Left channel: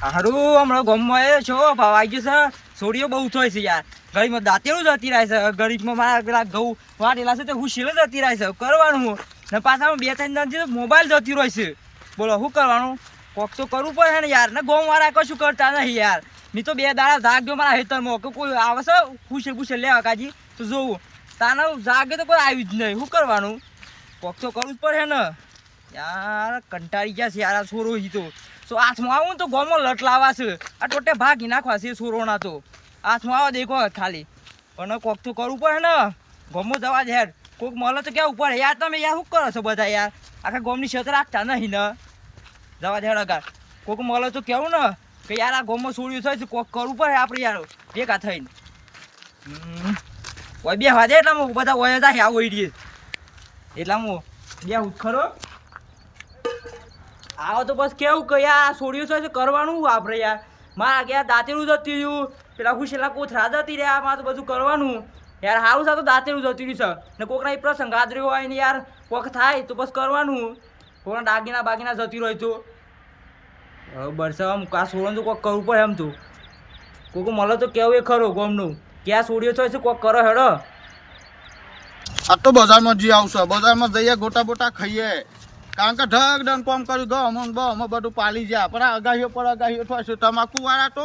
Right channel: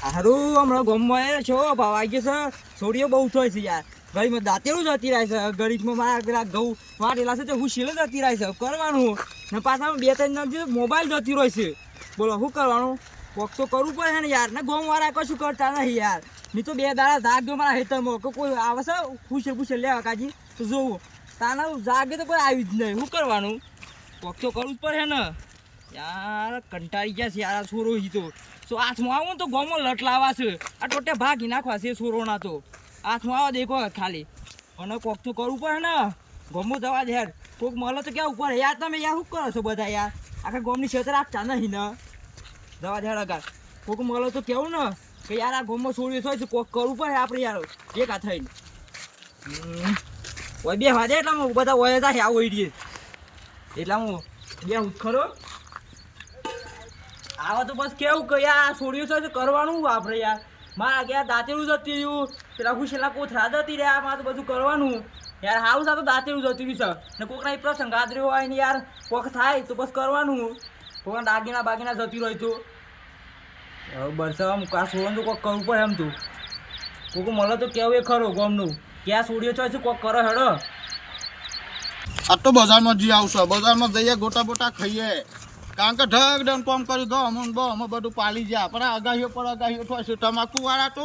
હારું હમણાં ગામમાં એ છો ભાવ આવી ગયો છે. છોડીઓ બહુ થાય છે યાર. ગરીબમાં દાંતેલું જતી રહે છે. ગરીબમાં મારા પેલા ઘઉં વાટેલા છે તો હું શીલે જતી રહે છે. કરવાનું ને પાછા બે ત્રણ જણ મોબાઈલ જતી રહે છે. બોલો શું કરવાનું? કોક તો કરવું પડે ને યાર. ને ગામવાળા કશું કરતા નહીં યાર. મેં તો બે દાડા જાગજો મારા હેતરમાં કે કોઈ આવે છે પૂછે લેવા કાજી તો જોવું. તાને જાગે તો કોઈ આવ્યું જ નહીં. શું કરવાનું? કોક તો કરવું જ પડે ને યાર. કંટાળી ગયા છે યાર આ છોરો તો. તો હાથમાં આવું તો ગોમાં લટ લાવવા છે. આ ટોટે ભાગી નાખવા છે છોરોના તો. હાથમાં આવા દેખો ખાલી. પણ કોક તો કરવું પડે ને. ગોમો જવા દે યાર. કોક મળે તો કેવું પડે યાર. તમે યાર શું કરો છો બધા યાર? આખા ગોમની ક્ષેત્ર રાખતા નહીં ને. જવા દે અગર કોક મળે તો કેવું ને કે યાર આ ગોમમાં છોડ્યું થાય છે. કોક કરવું પડે આપણે યાર ભેગા થઈને. ઓય બે વાજે એટલે હું બધા ઓય જાય આવો ઇડીએ એટલે હું બે ઉખરો આવો તો બસ કેવું કે યાર છોડ્યું છે કરવાનું આપણે યાર. મારા ગયા દાંતેલું જતી રહ્યું પેલા ખુશેલા કોથરા જતી રહ્યા. મારે તો બધું કરવાનું યાર. હારું સાથે દાંતેલું જતી રહ્યું છે ને કોકના એ પ્રસંગ આદર્યો હોય ને યાર કોક થાય તો બસ કરવાનું. કોકના બાગીના જતી રહ્યો તો હવે બરસામાં આ છોડવાનું તો કોક કરવું પડે એમ તું. કોક મળે તો કેવું એ ખરો ગોમનું ક્યાં છોડ્યો છે કોક કરો હેડો. આ તો બજારમાં જી આવશે. બજારમાં જઈએ ગોટા બોટા ખાઈએ. કારણ કે ઢગ ડન કોમ કર્યું ગયો અમે બધું પાલી ગયા. પણ આ અગાહીઓ પર અગાહીઓ થાય છે. તમાકુ વાળા તો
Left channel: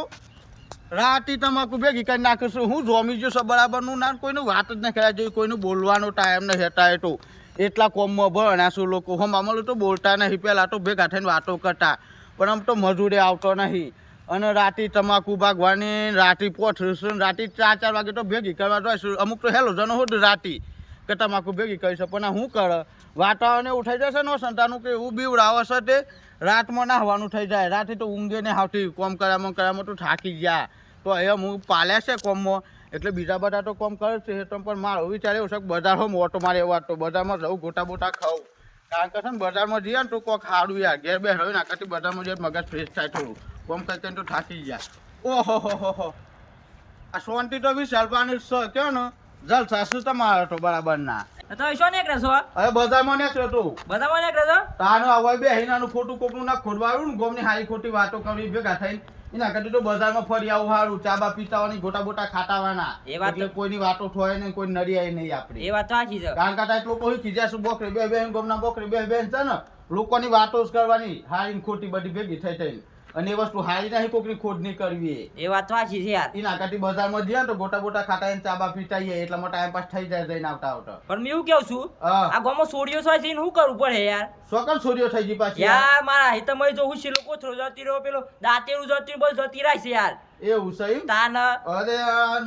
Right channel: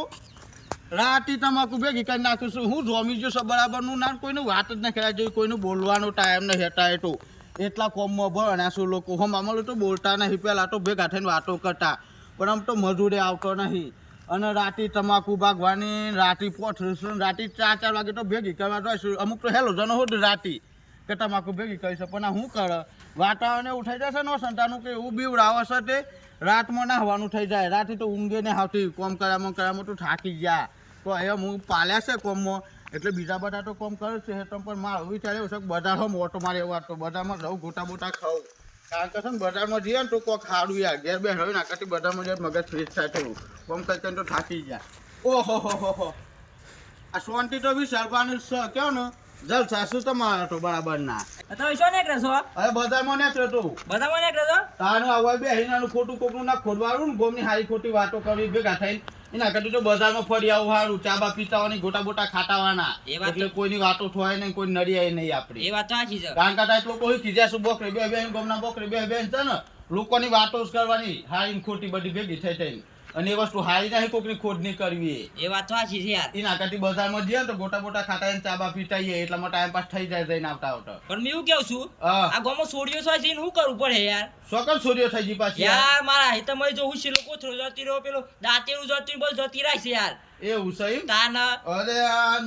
રાતી તમાકુ ભેગી કરી નાખે છે. હું જોમી ગયો છે બરાબરનું ના કોઈનું વાત જ નહીં કર્યા જોઈએ. કોઈનું બોલવાનો ટાઈમ નહીં હેતા તો એટલા કોમમાં ભણાશું લોકો. હમ અમારું તો બોલતા નહીં. પહેલાં તો ભેગા થઈને વાતો કરતા. પણ આમ તો મજૂરે આવતો નહીં. અને રાતી તમાકુ ભાગવાની રાતી પોઠરીશું. રાતી 4 વાગે તો ભેગી કરવા જોઈશું. અમુક તો હેલો જનો હોત રાતી કે તમાકુ ભેગી કરી છે. પણ શું કરે વાતાવરણ ઉઠાઈ જશે ને સંતાનું કે એવું બીવડાવે છે તે રાતમાં નાહવાનું થઈ જાય. રાતે તો ઊંઘે ને આવતી કોમ કરામાં તો થાકી ગયા. તો અહીંયા હું પાલ્યા છે કોમમાં એટલે બીજા બધા તો કોમ કરે છે. પણ મારું વિચાર એવું છે કે બજારમાં મોટો મારે એવા તો બજારમાં જવું ગોટા બોટા ખાવું. કારણ કે છે ને બજારમાં જઈએ ને તો કોક સારું યાર. ઘેર બે હોય ને આખાથી બજારમાં જઈએ મગજ ફ્રેશ થાય થોડું. કોમ કરીને તો થાકી ગયા. ઓહો હો આ શાંતિ તો વિશાલપાની કહો ને જલસા શું તમારે તો બરાબર ના. તમે શું નીકળે છો? હવે બજારમાં નીકળે તું. બધામાં નીકળે છો? તાનું હવે બે હિનાનું ખોટું કોકનું ના ખોદવાળું ને ગોમની હારી ખોટી વાતો કરવી ભેગા થઈને એના કરતા તો બજારમાં ફરી આવું સારું. ચાબા પીતાવાની ગોટા બોટા ખાતાવાના એટલે કોઈની વાતો થાય નહીં કોઈ નડિયાય નહીં આપણે. એ વાત સાચી છે. કારણ કે લોકો હોય કીધા બોકરી બે ગોમના બોકરી બે છે ને લોકોની વાતો જ કરવાની હારી ખોટી બધી ભેગી થઈ થઈને. અને એ વસ્તુ હારી નહીં કોકની ખોટ નહીં કરવી. એ વાત સાચી છે યાર. એના કરતી બજારમાં જઈએ તો ગોટા બોટા ખાતા ચાબા પીતાઈએ એટલામાં ટાઈમ પાસ થઈ જાય જઈને આવતા. પણ મેં એવું કેવું છું આ ગામમાં છોડીઓ છે એને શું કરવું પડે યાર? સોકન સૂર્ય થઈ ગઈ પાછી યાર. મારા હિતમાં જો હું શીલો કોથરો જતી રહ્યો પેલો દાંતેલું જતી બસ જતી રહી છે યાર. એવું સહી તાન અરે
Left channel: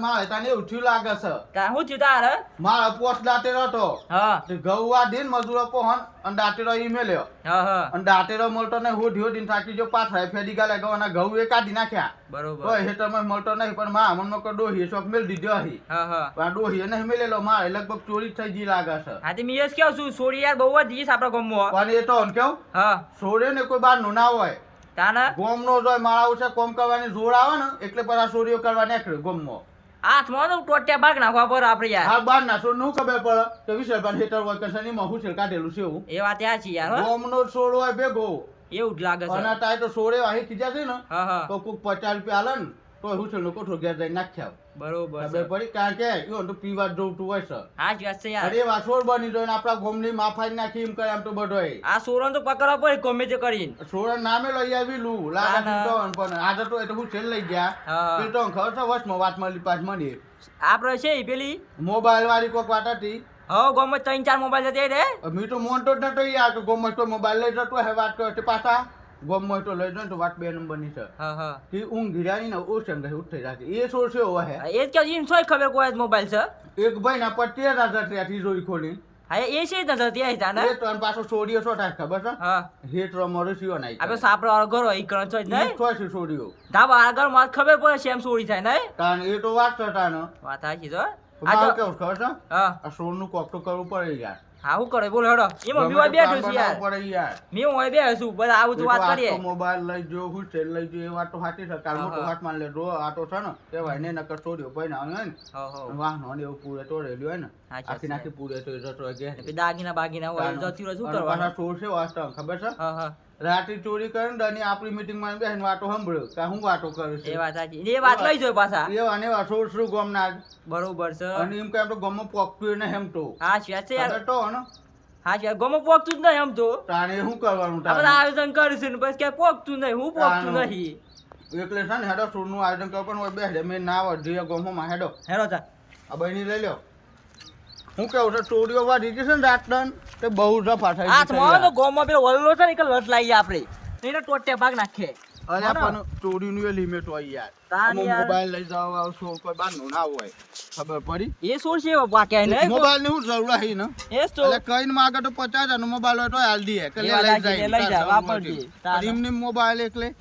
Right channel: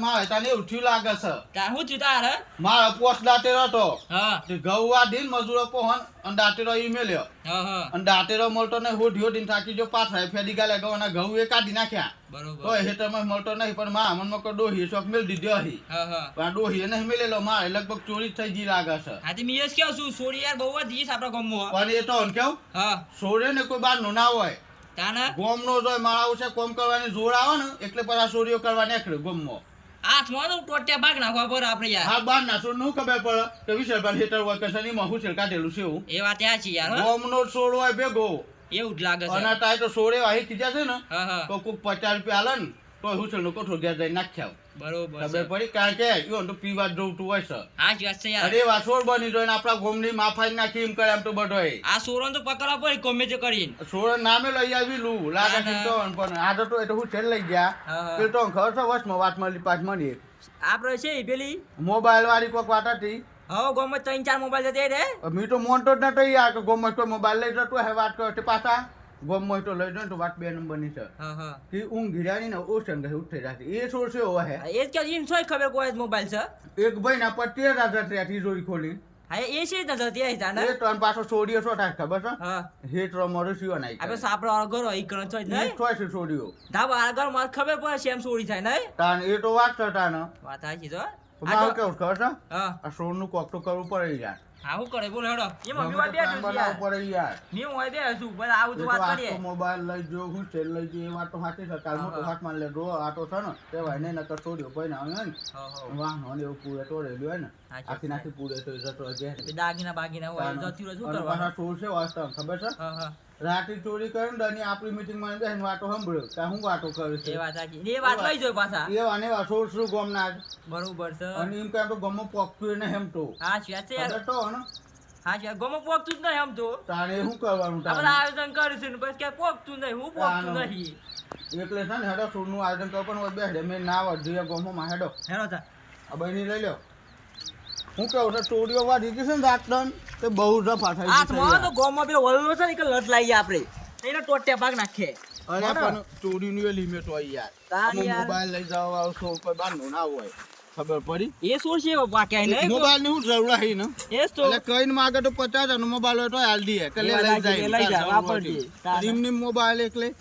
મારે તને એવું થયું લાગે છે. શું થયું તારે? મારા પોસ્ટ દાંતેરો હતો. હા ઘઉં આ દિન મજૂરો પહોન અને દાંતેરો ઈ મેલ્યો. અને દાંતેરો મળતો નહીં. હોઢિયો દિન થાકી જો પાછળ ફેરી ગાલે ગવાના ઘઉં એ કાઢી નાખ્યા. બરોબર. તો હેઠળમાં મળતો નહીં. પણ મા મનમાં કો ડોહી શોખ મેલ દીધો હી. પણ ડોહી નહીં મેલેલો મારે લગભગ ચોરી થઈ ગઈ લાગે છે. હા તે મેં કેવું છું છોડી યાર બહુ જ જીસ આપણા ગામમાં. પણ એ તો કેવું છોડે ને કોઈ બાર નું ના હોય. તાના ગોમ નો જોય માળા છે કોમ કરવાની જોર આવે ને એટલે પર આ ચોરીઓ કરવા નીકળે ગોમમાં. હાથમાં તો ટોટિયા ભાગ નાખવા પર આપણે યાર. હા બાર ના છોડ નું ખબર પડે કે વિશાલભાઈ હેઠળ હોય કે શનિમાં હું છે કાઢેલું છે એવું. એ વાત સાચી યાર. ગોમ નો છોડ હોય ભેગો એવું જ લાગે છે. અને તાય તો છોડે અહીં કીધા છે ને તો કોક 50 રૂપિયા હાલે ને તો હું છે કોઠો ઘેર જઈને નાખ્યા. બરોબર ખબર પડી કારણ કે ઈવન તો પીવા જોવતું હોય છે. હા જ વાત છે યાર. અરે વાસોડ બની જોઈને આપણા ગોમની માફાઈ નાખી એમ કરે એમ તો બધોય. આ સોરણ તો પકડવા પડે ગમે તે કરીને. છોડ નામે લઈ આવી લું લાગે તો પણ આ તો એટલે હું છેલ લઈ ગયા એ તો ખબર છે વર્ષમાં વાત મળી 5 મળી આપણે છે પેલી મોબાઈલ વાળી કોક વાત હતી. હવે ગમે 3-4 મોબાઈલ જતી રે. મેં તો મોનતો જ નતો યાર કે ગમે તો મોબાઈલ લઈ જતો હે વાત કરતી પાછા ગમે તો લઈ જાય તો વાત 2 નંબરની છે. કે ઊંઘ ગિરાની ને ઓશન ગઈ ઉઠી રાખી એ છોડ છે ઓ હે એ જ કે સોય ખબર કોઈ મોબાઈલ છે. એક ભાઈ ના પર 13,000 તિજોરી ખોલી. હા એ છે ને જતી આવી તાને. એ તો પાછો છોડીઓ છો થાય ખબર છે. હેટ રમરો સીઓ નાઈ. આપણે સાપડો અગરો ઈ કણ છો નહીં. તો છે છોડીઓ. ધાબા આગળ માં ખબર પડે છે એમ છોડી થાય નહીં. તાન એ તો વાત કરતા ને. વાત સાચી છે. આ કેવું ખબર છે? આ છોડ નું કોક તો કરવું પડે યાર. હા હું કરે બોલ હેડો. એમાં મેં બેઠું છું યાર. પડે યાર. મેં હોય બે છું બધા આવું તો વાત કરીએ. મોબાઈલ લઈ જો હું છે લઈ જો એ વાત તો સાચી છે. કાલ મોટો હાથ માં લે રો આ તો છે ને કહેવાય ને નકર છોડ્યો ભાઈ ના હોય ને વાહનો ને એવું પૂરે તોડેલું હોય ને આખી નાખી પૂરે તો જતો કે દાગીના બાગીના હોય જતી રહે શું કરવાનું. પાછા છોડ છે વાસ્તવ ખબર છે. રાતે ચોરી કરીને ડની આપણી મીટિંગમાં બેસીને વાતો સાંભળ્યો કે હું વાતો કરું એ છું વાત સાચી એ વાત લઈ જો પાછા એ વાને વાતો શું ગમના બરોબર છે અને એમ કે આમ તો ગમો પોકતું ને એમ તો હા છે યાર ખબર તો ને હા યાર ગમો પોકતું જ નહીં આમ તો તાણે શું કરવાનું આપણે તાણે આયોજન કરીશું ને બસ ક્યાં પોકતું નહીં હું પોકતું તાનું. નહીં એટલે છે ને હેડો છોડનું આયોજન કરો પણ બે મેં ના વધીએ ગમોમાં હેડો હેરો તા આ બહેની લઈ લ્યો હું કેવું છે ચોરીઓ વાળી ગઈ છે ને રાત દન તે બહુ રફા થઈ આ ગઈ તમારો તો ગોમાં પેલો વલ્લો છે ને કે લટ લાગી આપણે એને ટોટે ભાગ નાખીએ અને આપણને ચોરીનું એ લિમિટ હોય યાર તાન અમુક યાર. મોબાઈલ લઈ જાવ આવ સો કોઈ બહારનું ના હોય ખબર પડી એ સોળ છે બાપા ક્યાંય નહીં મોબાઈલ ની હું જરૂર હઈ ને એ જ તો એટલે કઈને માગે તો 50 નો મોબાઈલ હોય તો હાલ દઈએ કે એ લે વાત લઈ સાચી, જાય લઈ જા, વાપરજે. તાન. એમની મોબાઈલ એકલે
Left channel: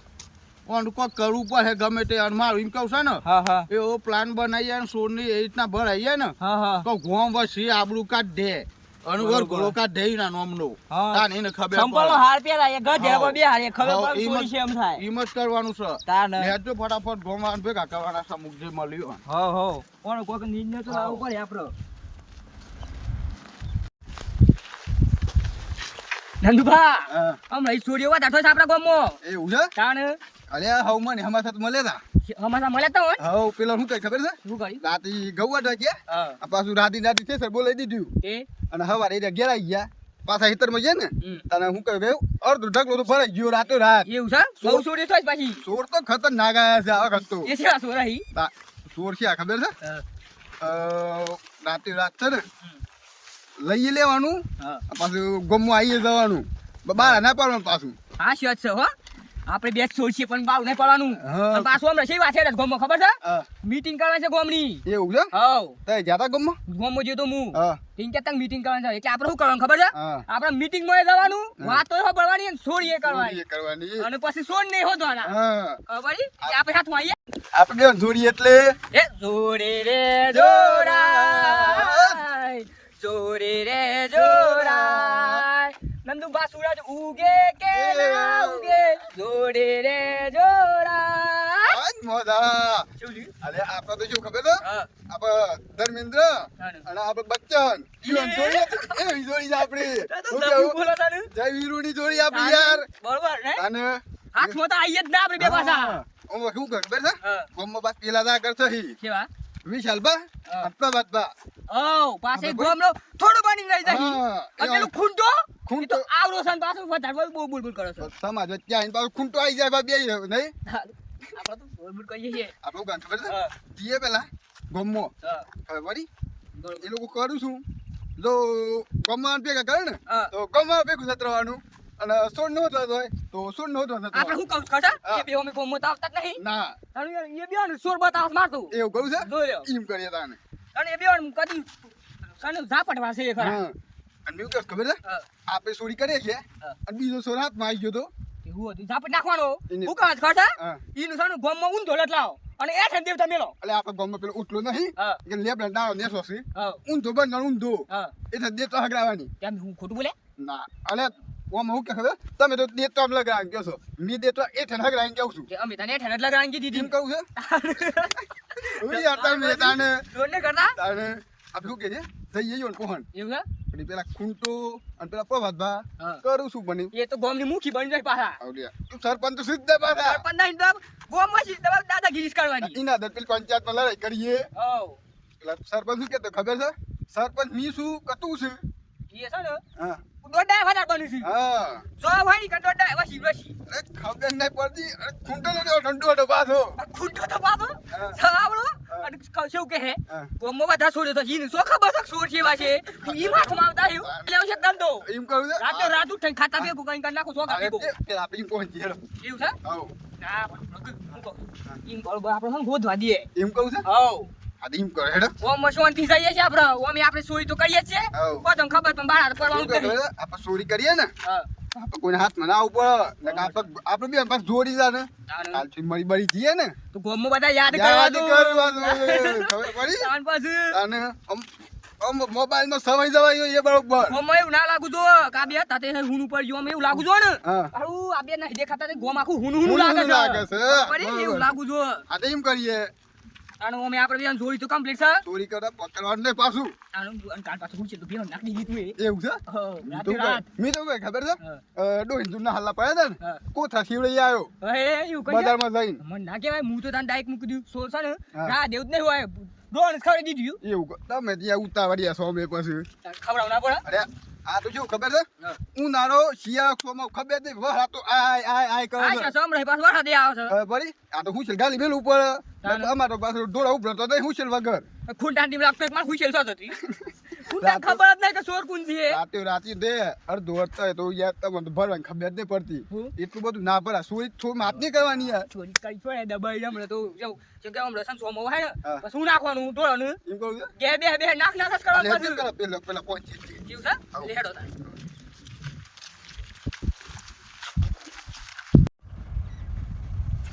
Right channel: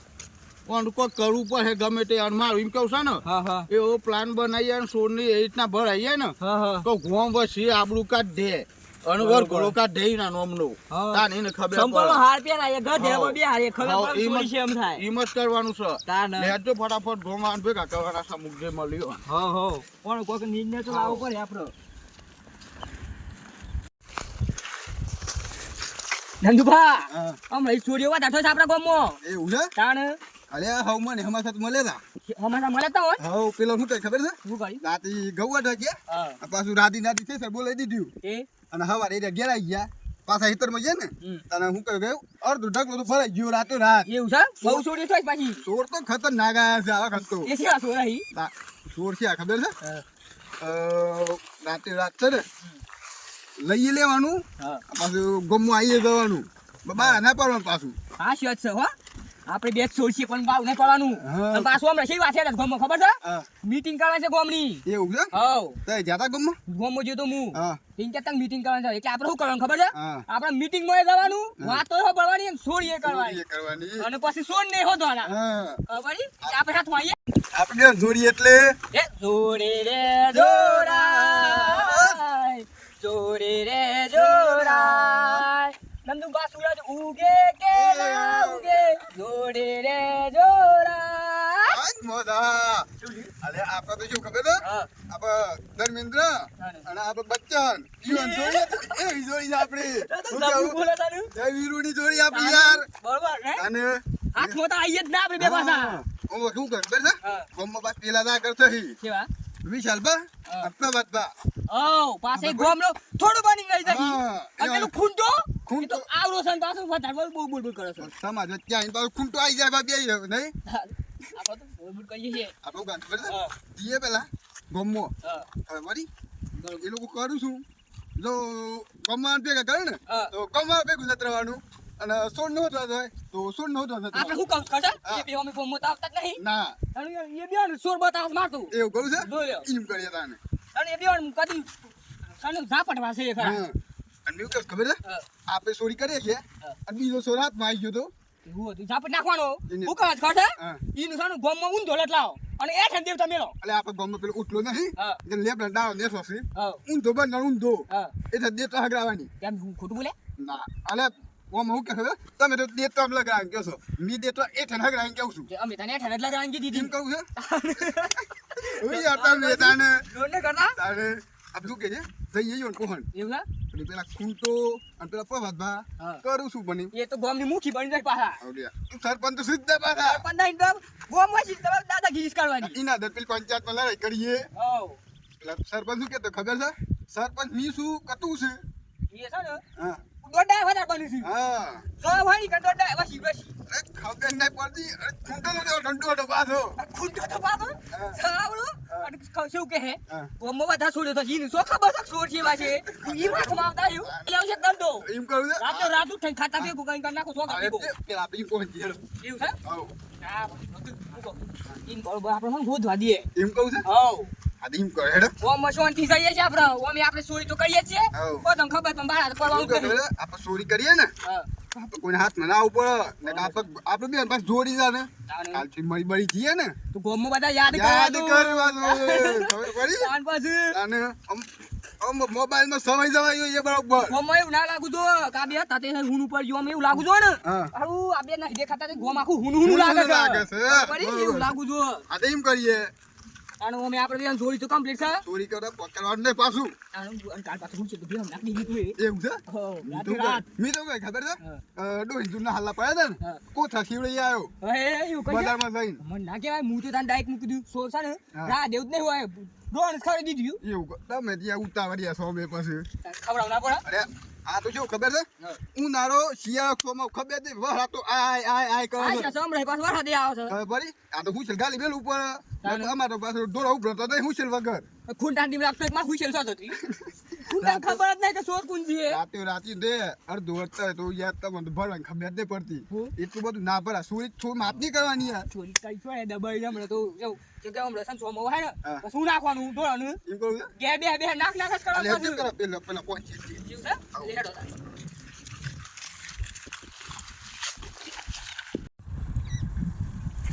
ઓન કોઈ કરવું પડે ગમે તે અને મારું એમ કહું છે ને હા હા એવો પ્લાન બનાવીએ ને સોરની એ રીતના ભરાઈએ ને હા હા તો ગોમ વસી આબરૂ કાઢ દે અને વર ઘોડો કાઢ દે ના નોમનો હા. તાન એને ખબર સંપલનો પડે હાર પહેરાય ગધે હા. બે હારે ખબર હા, પડે એમ જ- સોરી છે એમ થાય એમ જ કરવાનું છે તાન નેજો ફટાફટ ગોમાં ભેગા કરવાના સમુક જે મળ્યો હો હો કોણ કોક નિર્ણય તો લાવવો પડે આપણો નંદુભા હા. હમણાં ઈ છોડીઓ વાત આઠો છે આપણા ગામમાં એવું છે તાણ અલે હવ મને હમા સાથે મળે તા અમારા મળે તો હોય હવ પેલો શું કઈ ખબર છે શું કરી રાતી ગૌવા ઢાક્યા હા આ પાછું રાતી છે સર બોલાઈ દીધું એ અને હવારે એ ઘેર આવી ગયા પાછા હિતરમાં ગયા ને હમ. તને હું કહ્યું ગયું અડધું ઢગલો તો ભરાઈ ગયો રાતો રાત એવું છે બહુ છોડી થાય પાછી ચોર તો ખતરનાક આયા છે આ વખત તો એ છે છોરાઈ ચોર છે આ ખબર છે રાતે રાત છે ને લઈ લેવાનું હા પાછું ગમમાં આવીએ જવાનું બહાર ના પાડવાનું પાછું હા શું છે હો આપણે બે છોડ છીએ પણ બાવ નહીં પડવાનું હા. અને પાછું હમણાં શી વાત છે ગામમાં ખબર છે હા. મીટિંગ કરવાની છે ગામની એવું છે હવ તે જાતા ગમમાં ગામમાં જતો હું હા તીન ચાર તક મીટિંગ કરવાની છે એટલે આપણે શું કરવાનું ખબર છે હા આપણે મીટિંગ માં જવાનું વાતો સાંભળવાની અને છોડ એ કરવાની ચોરી કરવાની અને પછી છોડ નહીં હોદવાના હા ખબર પડી? એટલે આપણે સાથમાં આવીએ આપણે જોડી એટલે એ જોડે રે જોરાય જોડે રે જોરાય નંદુબા સૂરજ ઉગે કે ના ઉગે જોડે રે જોરાય આજ મોદા શું થયું? અરે આપણે તો શું ખબર છે હા આપણે ધર્મેન્દ્ર અને આપણે બચ્ચન ઈવન જોડી એવી જોડી છે આપણી શું કેવું? બોલો તારું જય વીરુની જોડી આપણી યાર બરોબર ને અને હાથમાં તો આવીએ જ ના આપણે બે પાછા ઓ શું કર ખબર છે હા ગોમમાં પાસ પેલા ના કરતો હી કેવા વિશાલ બા હા. આપણા બાદ બા ઓ પાસે ગોમનો થોડું બની રહી જશે હા, અને પેલું ખૂંટો ખૂંટો. એ તો આવરો છે ને પાછું વધારે બહુ બોલ કરો છો સમાજ વચ્ચે આવીને પાછું ખૂંટો આવી જાય બા બે નહીં આપણે તો બોલ કરીએ છીએ આપણું ગાન ખબર છે હા જીએ પેલા ગોમમાં હા ખબર પડી બરોબર. એ લોકો કરું છું જો ગમમાં ભેગા કરે ને હા. તો ગમમાં ભેગું સતરવાનું અને સોડ નો થતો હોય તો સોડ નો થતો આપણે શું કહું ખબર હા. એ બે અમે ગોમમાં તો આવતા જ નહીં ના અને એ બે ને સોર બતાવ મારતું એવું કહું છે જોયો એમ કરીએ તાને અને એ બે કદી સને ઝાપટવા છે એ ખરા હા અને એવું ખબર છે હા. આપણે ચોરી કરીએ છીએ હા. અને બીજો સોર હાથમાં આવી ગયો તો એવું હતું ઝાપટ નાખવાનો એને- હું કહું ખબર હા. ઈનું સાનું ગોમમાં ઊંધો લટલાવો અને એ ઠંડી દેવતા મેલો એટલે આપણે ગમમાં પેલો ઉઠલો નહીં હા કે લેબડા ડાળો નેસો છે હા ઊંધો બંધ ઊંધો હા એ તો દેતો હગરાવાની કેમ હું ખોટું બોલે ના અલે ઓમ હું કે ખબર તમે તો દેતો આમ લગાવીને કહો છો મી દેતો એ ઠેન હગરાવીને કહું છું કે અમે તને ઠંડ જ લગાડવાની કીધી એમ હતી કહું છે ઓય યાર તમે તાને જોડ ને કરતા તાને આપણે શું કે છે જઈએ યો કોહણ એવું છે એટલે પેલા ખૂંટો અને પેલા પ્રભાતભા હા. કરું શું બની એ તો ગોમની મુખી બની જાય પાછા આવડિયા તું સરપંચ તો સીધા પાછા સરપંચ નહીં તો ગોમમાં સીધી તમારે દાદાગીરી જ કરવાની ઇના દર પેલી પંચાયતમાં લડાઈ કરીએ હવ એટલે સરપંચ શું કહેતો ખબર છે સરપંચ મી શું કતું છે એ છે ને હા દોડા વધારે બની છે હા સો હોય કે દોડા વસી વસી અરે ખબર નહીં પડતી અરે ખૂંટો નો ઠંડો હતો પાછો ખૂંટો તો પાછો હા. સાવડો અને શું કે હે હા. ગોમમાં બધા છોડ્યો તો જીને સો ખબર છે છોડ છે વાસે ઈ વાતમાં આવતા આવ્યું એટલે આવશે ધંધો એમ કહું છે રાતે રાત ઉઠીને ખાતા ભેગું કઈ કરી નાખો સો અરે ભેગું પેલા આપણે એમ કહું છીએ એવું છે આવો હા મૂકો ઈન બરોબર આપણે શું ગોધવા દઈએ એમ કહું છે હવ આ એમ કરે હેડો ઓમ શાંતિ જઈએ છે આપણે ઓમ આપણે સોય તો કરીએ જ છે હવ. પોતાને ખબર પણ બહાર કરવાનું શું જ કરે? આપણે ચોરી કરીએ ને હા આપણે કોઈને હાથમાં ના ઉપર ને આપણે બે પાસ જોડી જા ને કાલથી મરી બળી જઈએ ને તો ગોમમાં બધા યાદ કરવા યાદ દો કરવાનું ખબર પડી તાન પાછું અને આમ મોબાઈલ નો સમય જવાય એ બરોબર ગોમમાં એવું ના લાગુ જો કે આ બે હતા તે હું ઉપર જો અમે એવું લાગુ જો ને હા આવું આ બે નહીં દેખાતા તે ગોમ આખું હુનું હુનું લાગે છે લાગે છે. ખબર પડી? એવું લાગુ જો આ તો એમ કરીએ આનું અમે આપણે બીજાને જોડી તો કમ્પ્લીટ છે ચોરી કરે પકડવાનું નહીં પાછું. આનું અને કાલ પાછું હું છે તો બેનો નાખી દીધી એવું છે? તું તો રાત મેં તો કઈ ખબર છે ડોહિંજુના હલ્લા પડ્યા હતા ને હા. કોથા ખીવડી આવ્યો એવું કઈ બજારમાં જઈને. મને ના કહેવાય હું તો તાન ડાયરેક્ટ મૂકી દીધું સોળ છે ને હા. ના દેવું જ નહીં હોય ડોન ખવડાવી દીધું એવું તમે ત્યાં ઉતાવળ્યા છો મેં પછી. ખવડાવ ના પડે અરે આ તો શું ખબર છે હા. હું નારો શિયાળોમાં ખબર નહીં વરા તો આય કરે આ છે. છે સમરે પાછો વરસાદ આવે છે બરી આ તો હું છે ગાલી બેલ ઉપર તાને. અમારો પાછો ડોરા ઉભરો તો હું છે વગર ખૂંટાન ટીમ લાગતો એક માર હુશેલ સાથ હતી ખૂંટાન ખબર જ નહીં કે ચોર કોણ છે રાતે દે અડધો હતા તો યાર તમને તો ભરવાની ખબર જ નહીં પડતી. હું? એટલું બધું ના ભરા સુઈ થોડી માપ નહીં કરવાની યાર. ચોરી કરી છે દબાઈ હમણાં તો જવું જો કે હમણાં સંસો માં હોય ને હા. પછી હું નાખવાનું ટોળાનું એમ કરું છે બે નાખ જ એટલે કરવાનું એમ પાછું. કરો પેલા પહોંચી એવું છે એટલે હેડો તાન.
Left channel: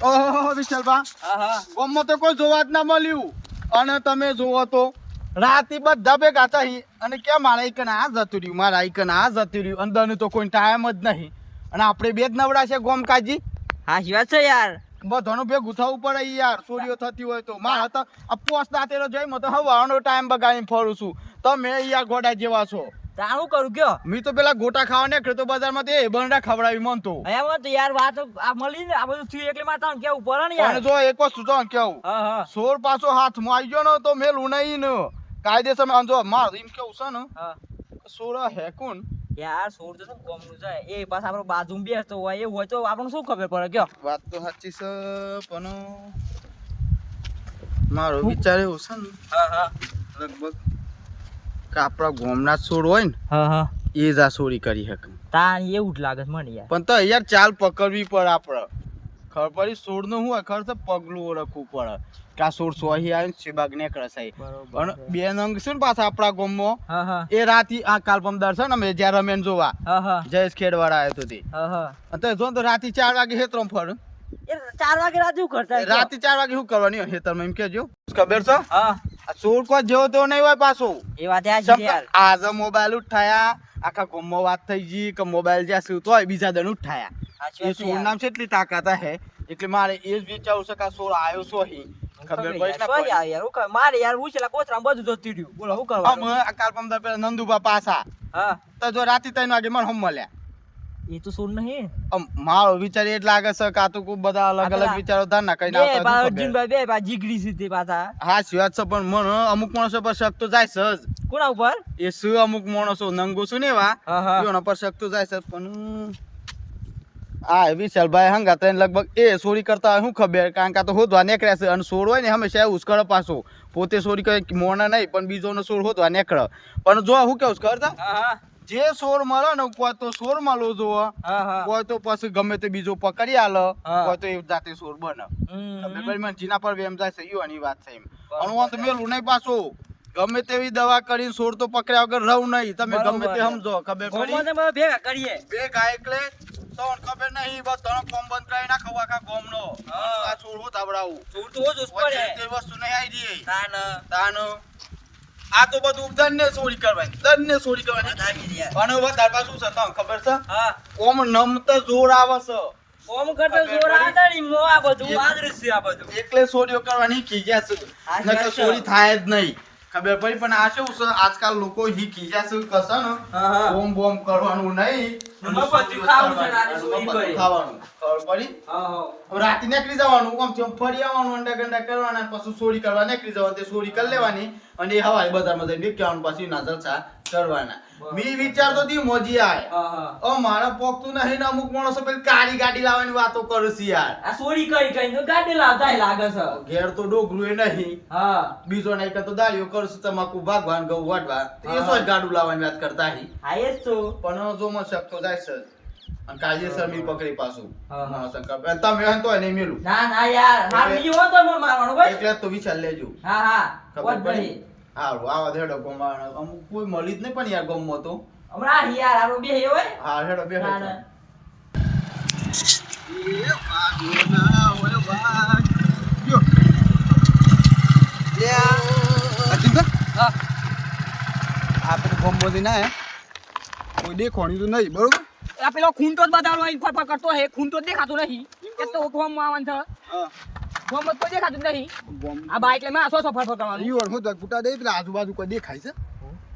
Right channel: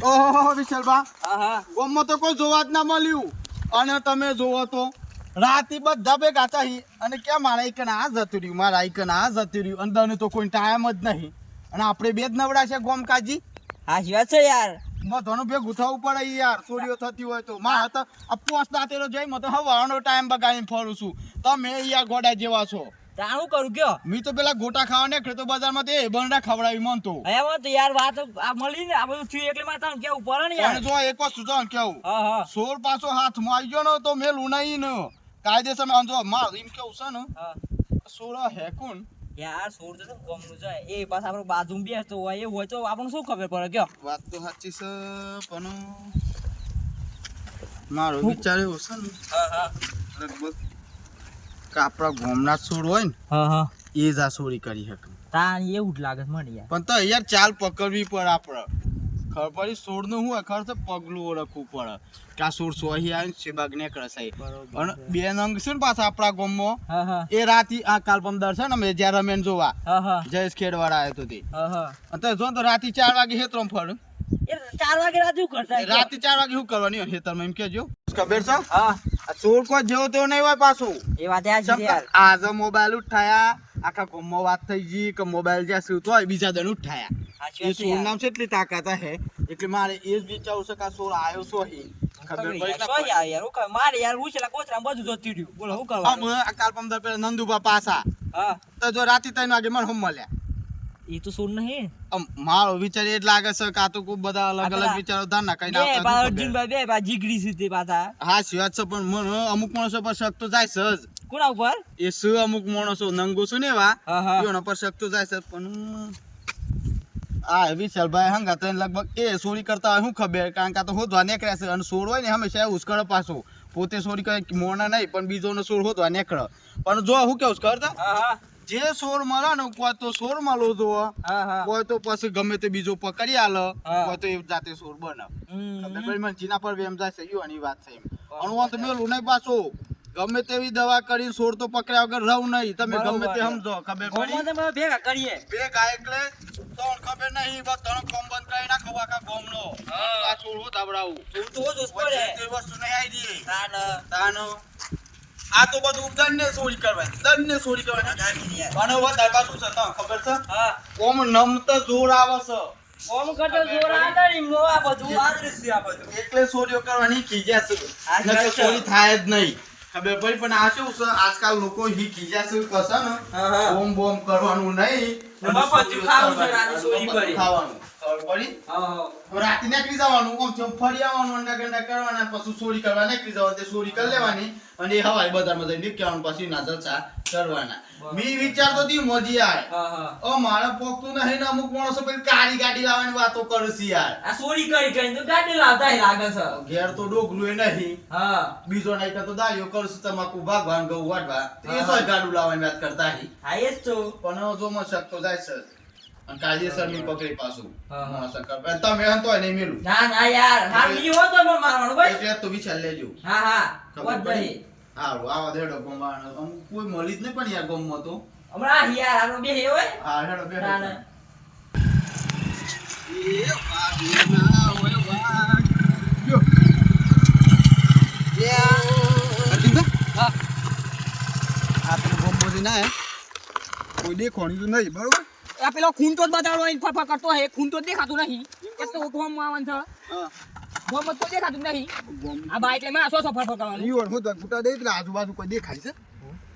ઓહો વિશાલભા હા હા ગામમાં તો કોઈ જોવા જ ના મળ્યું અને તમે જોવો તો રાતે બધા ભેગા થઈ અને કેમ મારા એક આ જતું રહ્યું મારા એક આ જતું રહ્યું અંદરનું તો કોઈ ટાઈમ જ નહીં અને આપણે બે જ નવડા છે ગોમકાજી હા શી વાત છે યાર બધાનું ભેગું થવું પડે ઈ યાર ચોરીઓ થતી હોય તો મારા તો આ પોસ્ટ દાંતેલો જોઈ મેં તો હવાનો ટાઈમ બગાડીને ફરું છું તમે યાર ગોડા જેવા છો તાણ હું કરું કયો મેં તો પેલા ગોટા ખાવા નીકળ્યો તો બજારમાં તે બંડા ખવડાવી મન તો અહીંયા તો યાર વાત આ મળી ને આ બધું થયું એટલે માં તાણ કેવું પડે ને યાર અને જો એક વસ્તુ તો કેવું હા હા સોર પાછો હાથમાં આવી ગયો ને તો મેલું નહીં ને કાયદેસર આમ જો માર એમ કેવું છે ને હા સોરા હે કોણ યાર સોર તો કોમનું છે એ પાછા આપણે બાજુમાં બેસતો હોય એ હોય તો આપણને શું ખબર પડે કયો વાત તો સાચી છે પણ મારો વિચાર એવો છે ને હા હા લગભગ કે આપણા ગોમના સોર હોય ને હા હા એ જ આ ચોરી કરી શકે તાણ એવું જ લાગે છે મને યાર પણ તો યાર ચાલ પકડવી પડે આપણે ખબર પડી સોરનું શું હોય ખબર છે પગલું ઓળખવું પડે કે આ સોર સોહી આવીને શેબાગ નીકળે સાહેબ બરોબર અને બે નંગ છે ને પાછા આપણા ગામમાં હા હા એ રાતી આ કાલપમ દર્શન અમે જ્યાં રમેન જોવા હા હા જયેશ ખેડવાળા આવ્યો તો તે હા હા અને જો તો રાતી 4 વાગે હેતરમ ફરું એ 4 વાગે રાત શું કરતા હોય રાતે 4 વાગે શું કરવાની હોય હેતરમાં એમ કેજો ખબર છે હા આ ચોર કોઈ જેવો તેવો નહીં હોય પાછો એ વાત આ છે યાર આજે મોબાઈલ ઉઠાયા આખા ગામમાં વાત થઈ ગઈ કે મોબાઈલ જ્યાં શું હોય બીજા દન ઉઠાયા સાચી એ વાત છે સોર યાર નામ છે એટલી તાકાત હે એટલે મારે એ જ વિચારવું છે કે આ સોર આવ્યો છો અહીં ખબર પડી યાર શું યાર હું કર મારે યાર હું છેલા કોતરામાં બધું જતું રહ્યું બોલો શું કરવાનું આ કાલપમ દર પેલા નંદુબા પાસા હા તો જો રાતે 3 વાગે મને હમ મળ્યા એ તો સોર નહીં મારો વિચાર એ જ લાગે છે કે આ તો કોઈ બધા અલગ અલગ વિચારો થાય ના કઈ ના બે બા અર્જુનભાઈ બે બા જીગડી છે તે પાછા હા સિવાત છે પણ મને અમુક માણસો પર શક તો જાય છે જ કોના ઉપર એ શું અમુક માણસો નંગો છું ને એવા હા હા એના પર શક તો જાય છે પણ આ વિશાલભાઈ હંગા તને લગભગ એ ચોરી કરતા હોય શું ખબર કારણ કે આ તો હોદવા નીકળ્યા છે અને સોર હોય ને હંમેશા એવું જ કરે પાછો પોતે ચોરી કરે મોણા નહીં પણ બીજોનો સોર હોદવા નીકળે પણ જો હું કેવું કરતા હા હા જે સોર મળે ને કોઈ તો સોર મળો જો હા હા કોઈ તો પછી ગમે તે બીજો પકડી આલે હા. કોઈ તો એ જાતે સોર બને હમ. જીના પર એમ જાય છે યુવાની વાત છે એમ અણુ તો મેલું નહીં પાછું ગમે તેવી દવા કરીને સોર તો પકડ્યા વગર રહું નહીં તમે ગમે તે સમજો ખબર પડી ગોમાં તમે ભેગા કરીએ ભેગા એટલે તો ખબર નહીં બસ તને કોમ બંધ કરી નાખો આખા ગોમનો આ સોર હું તાબડાવું તું તો જ પડે તે વસ્તુ નહીં આવી રહી તાન તાનો આ તો બધું દંડને ચોરી કરવાની દંડને ચોરી કરવાની અને વધારે પાછું છે તમને ખબર છે હા ઓમ નમતા જોર આવે છે ઓમ કરતા જોર આવતા ની મો આ બધું આદૃશ છે આ બધું એટલે ચોરીઓ કરવાની ખીજ્યા છે આ નકર છે. ચોરી થાય જ નહીં ખબર પડી પણ આ શું છે આજકાલ લોકો હી ખીજ્યા છે કશે ને હા હા બોમ બોમ કરવાનું નહીં મફત ખાવું છે ને આજે ચોરી મફત કરી. ખાવાનું ખબર પડી હા હા હવે રાતે નીકળી જવાનું આમ તેમ ફરી આવવાનું અંડા ગંડા કરવાના પછી ચોરી કરવા નીકળી જવાનું તે ચોરી કરી લેવાની અને એ હવાઈ બધામાં જઈને વેચવાનું પછી ના જલસા કરવાના મી વિચારતો તી મોજી આય હા હા ઓ મારા પોકતું નહીં ને અમુક માણસો પેલી કાળી ગાડી લાવવાની વાતો કરે છે યાર આ ચોરી કરી કરીને તો ગાડી લાવતા લાગે છે ઘેર તો ડોગલું એ નહીં હા બીજો નહીં કરતો દાયો કરશું તમાકુ ભાગવાન ગૌ વાટવા એ સોય ગાડું લાવવાની વાત કરતા હી હા એ જ તો પણ જો માં શકતો જાય છે અને કાયદેસર મી પકડી પાછું હા, હા. શંકર તમે હન તોય નહીં મેલું ના ના યાર હા એટલે- બીજો હોતો નો મારવાનો ભાઈ એટલે તો વિચાર લેજો હા હા ખબર વાત પડી નહીં હારું આવા દેડો ગોમાવાનો અમુક કોઈ મળી જ નહીં પણ યાર ગમમાં તો હમણાં યાર આપણો બે હે હોય હા હેડો બે ના ના એ વાગના હોય વાગ જો અર્જુન હા આપણે ગોમમાંથી ના હે કોઈ દેખોણી તો નહીં બરોબર આ પેલો ખૂંટો જ બતાડો અહીં ફરફર કરતો હે ખૂંટો જ દેખાતો નહીં એ તો ઓઠવામાં આવવાનું છે હા ગોમત તો દેખાતું જ નહીં. ગોમ આ બાઈક લઈને આ સો ફર કરવાનું. ઈ ઓર હું તો ગુટા દે પેલા આજુબાજુ કોઈ દેખાય છે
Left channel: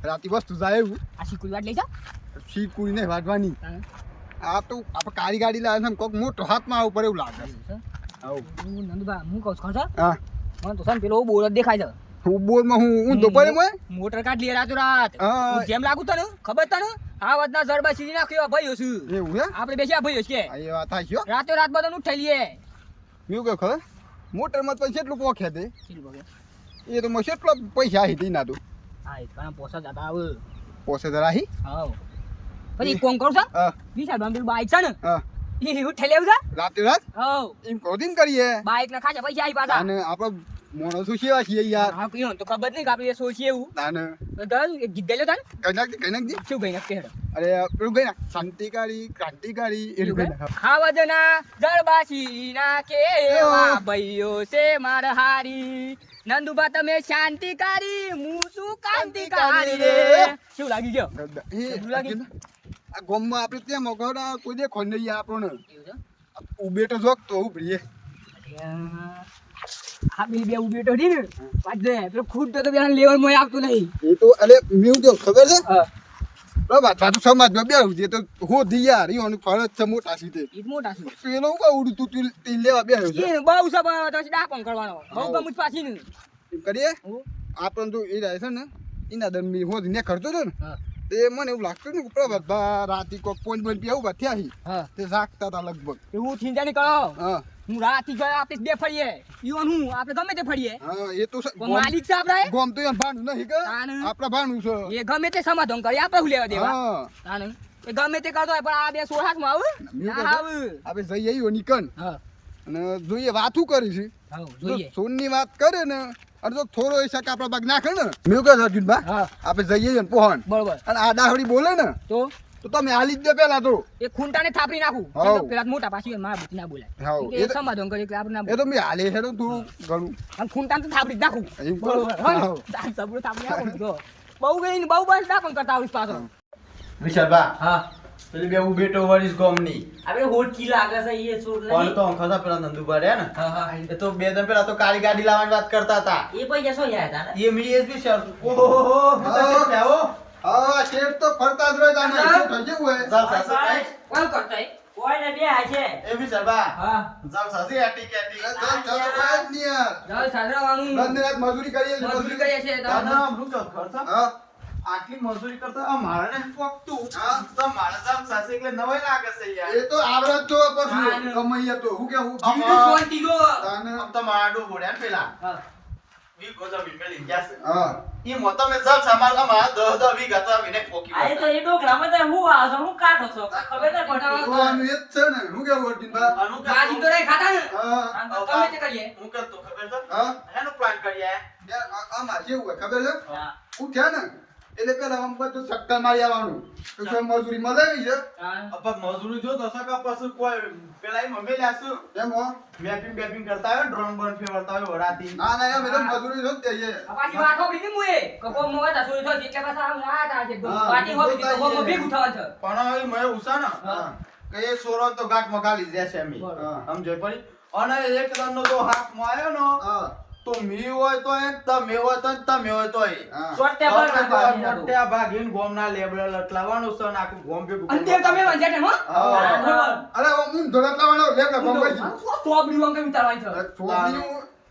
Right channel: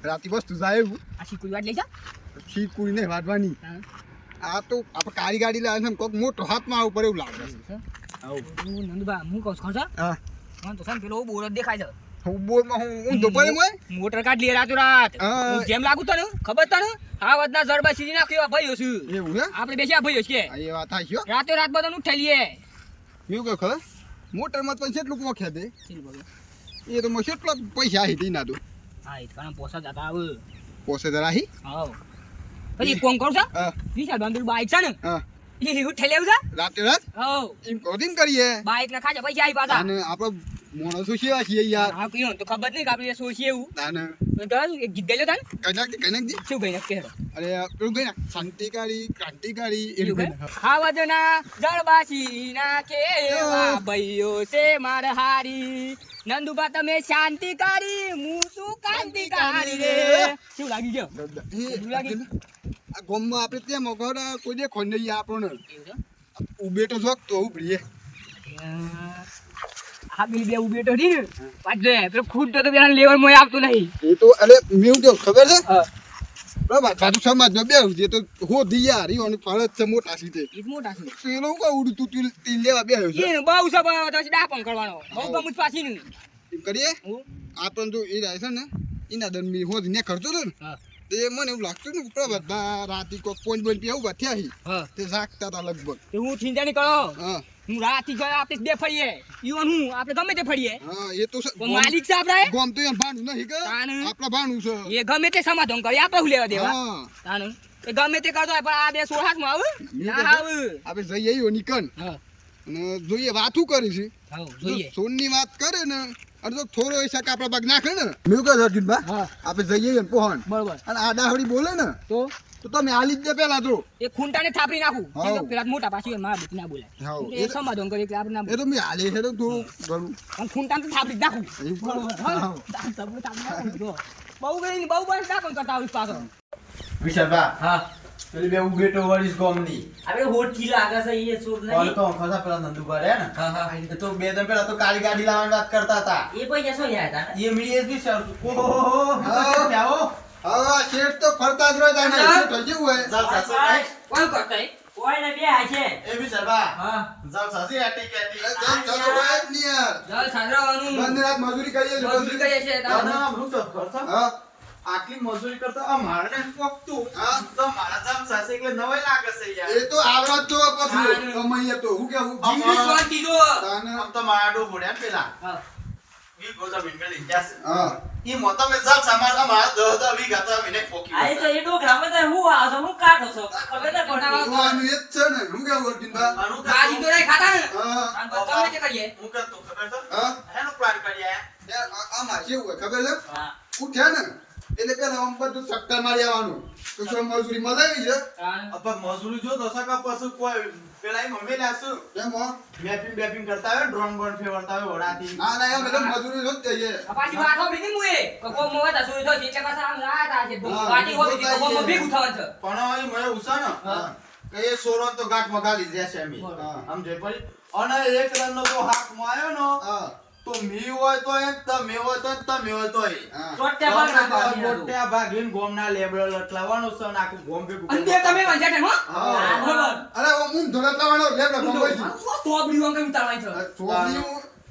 રાતી વસ્તુ જાય એવું આ શીકુઈ વાટ લઈ જા. શીટ કોઈ નહીં વાટવાની હા. આ તો આપણે કાળી ગાડી લાવે છે કોક મોટો હાથમાં ઉપર એવું લાગે છે આવું હું નંદુભા હું કહું છું ખબર છે? હા મને તો સમ પેલો બોર જ દેખાય છે. હું બોરમાં હું દુપારી મોય મોટર કાઢ લે રાતો રાત. હા. હું જેમ લાગુ તને ખબર તને આ વાતના જડબા સીધી નાખ્યો ભાઈઓ છું. એવું હે આપણે બેસ્યા ભાઈઓ છે આ એ વાત હાચી હો રાતો રાત બધા ઉઠાઈ લઈએ. મેં કહ્યું ખબર મોટરમાં તો કેટલું પોખ્યા તે ચીલ બગે. એ તો મને કેટલા પૈસા આવી હતી ના તો હા એ ઘણા પોસા જતા આવે. પોસે જરા હી હાવ. પછી કોણ કરું છે હા વિશાલ બાંધેલું બાઈક છે ને હા એ ઉઠાઈ લેવું છે. રાતે રાત હાવ. એમ કોદીમ કરીએ બાઈક ના ખાજા પૈસા આવી પાછા. અને આપણે માણસો કેવા છીએ યાર હા કયો તો ખબર નહીં કે આપણે સોચીએ એવું. અને તો દર એક ગીત ગાઈ લો તાન. કઈ શું ગઈ નાખ કે અરે પેલું ગઈ ના શાંતિકારી ક્રાંતિકારી એનું ગઈ નાખ ખાવા જના જળબાસી ના કેવા ભાઈઓ છે માર હારી. નંદુબા તમે શાંતિકારી હું શું ક્રાંતિકારી રે. શું લાગી ગયો? કેવું લાગે? આ ગોમમાં આપણે ત્યાં મગર કોઈ દેખો નહીં આપણને એવું છે? ઉભે તો જોક તો ઉભરીએ આ બી બે ઉભી તો રી ને પાછે પેલો ખુદ તો પેલા લેવલ માં આવતું નહીં. એ તો અરે મેં તો ખબર છે હા બરાબર પાછું સમાજમાં બેહું છે તો હો દી યાર ઈઓની ફરજ છે મોટા સીધે ઈ જ મોટા છે. પેલો હું કહું ઉડું તું તીન લેવા બેહ્યો છે એ બહુ સબ તો ડાપણ કરવાનો બહુ ગમુજ પાછી ને. એમ કરીએ હું આપણને તો એ રહે છે ને એના દરમિયાન હોજ ને ખર્ચો હતો ને હા તે મને એવું લાગતું ને કે બધા રાતે કોક પોઈન્ટ પોઈન્ટ પીવું કે થયા હી હા તે જાગતા હતા લગભગ તો હું ચિંતા નહીં કરો. હા હું રાતથી ગયા આપણે બે ફરીએ ઈવન હું આપણે ગમે તે ફરીએ. હા એ તો કોઈ માલિક છે આપણા ગોમ તો એમ ભાણું નહીં કે તાનું. આપણા ભાણું છે એ ગમે તે સમાધાન કરી આપણે હું લેવા દેવા. હા તાનું. એ ગમે તે કરતો હોય પણ આ બે સોળ હાથમાં આવું મેં ના કીધું, આવું. આપણે જઈએ આવ્યો નિકન હા અને જોઈએ વાતું કરી છે હા જો જોઈએ. સોનની વાત કરે ને અને જો થોડો એ શાક આપણા બાગ નાખે ને મેં કહ્યું અર્જુનભા હા આપણે જઈએ ને પોહન બરોબર. અને આ દાહડી બોલે ને તો તો તમે હાલી જ દે પેલા તો એ ખૂંટાને થાપડી નાખું. હાવ. કેમ કે પેલા મોટા પાછી હોય, મારા બુદ્ધિ ના બોલાય. હાવ. એ સમાધાન કરી એટલે આપણે ના એ બોલાય. તો મેં હાલે છે ને થોડું ઘણું અને ખૂંટાને તો થાપડી જ નાખું. એમ બરોબર. હાવ. દાળ સબરું થાપડી નાખું. જો. બહુ ગઈ ને બહુ બસ ડાપણ કરતા આવીશ પાછો. વિશાલભા હા પેલી બે ઉભેટો વળીશ ગોમની આપણે હોટકી લાગે છે એ છોડ કોણ નહીં. તો ખરા પેલા નંદુભા રહ્યા ને હા હા એ તો બે દિન પેલા તો કાળી ગાડી લાવવાની વાત કરતા હતા એ પૈસા શું યાદ હતા ને? એ મી એ બી સર ઓહો આવો હા શેઠ તો ફરતા જ રહે તાને શેઠ હજી હોય જાવ સાસી કોણ કરતા કોઈ ને બે આ છે એ વિશાલભા હા જાવ સાસી આટી કેટી ચાલો હોય જ નહીં યાર જલ સાજરાવાનું. બંધ રાત મજૂરી કરીએ છીએ, મજૂરી કરીએ છીએ તાર. ના રૂચો ખર્ચા હા આટલી મજૂરી કરતા આ મારે ને પોકતું હા. તો મારા જાવ સાસી એટલે નવાઈ લાગે છે યાર એ તો આવરાત તો પછી હા. કમાઈએ તો હું કેવું જીવની શાંતિ જો. તાને આમ તો માડો હોડ્યા ને પેલા હા. વી ગોજા મી મેલી ગયા છે હા ઈ મોટા મે જાવ સામાર અમારા 10 વી ગાતા વિને પોકી આ તો એ ડોકરામાં તો હું આવો છું, હું કાઢો છો ખબર ના પડતી. જોવાનું એ જ છે ને હું કેવું અર્જુનભા આનું બાજી તો નહીં ખાતા ને. હા આમ તો તમે તે કરીએ. હું કરતો ખબર છે હા હેનો પ્લાન કરી યાર આમાં કેવું હોય ખબર છે હા ઉઠ્યા ને એટલે પેલા આમ બધું ચક્કર મારી આવવાનું તો શું મજૂરી મળેવી છે તાન. અપા મજૂરી જો દશકા પછી કોઈ પેલા ઈ મમ્મી લાસુ એમ હો મેપિંગ કરતા હોય ડ્રોન બોન ફેરવતા હોય વડાતી ના ના એમ એટલે મજૂરી જો જ કહીએ આ પાછી વાત હોભળી હતી મુએ. કે કોમ મોય તા સોય થોડી એટલે પાછા આમ આયા તા છે. હા, પાછી હોભળી હતી તો કોમ ભેગું થવાનું છે. પણ એ મને ઉસા ને હા કે એ સોરો તો ગાંઠ મગાલી જશે મી હા. આમ જોઈ પડી અને એક રન નો તો હાથ માં આવ્યો નો હા તો મી હોય તો એ તમે હોય તો તમે હોય તો એ હા ચોટ્યા ભાગ નાખવાની હતું. મોટા ભાગીન ગોમના લેબલ લટલાવાનું છે ને આખું ગોમ ભેગું અને બે તમે વંજાટે હો. હા. બરોબર. અરે હું ધોળા લાવવાનો લેબડા બંગાઈ આમ શું તોબડી વાંગ કેમ તાળવાય છે. છોકરી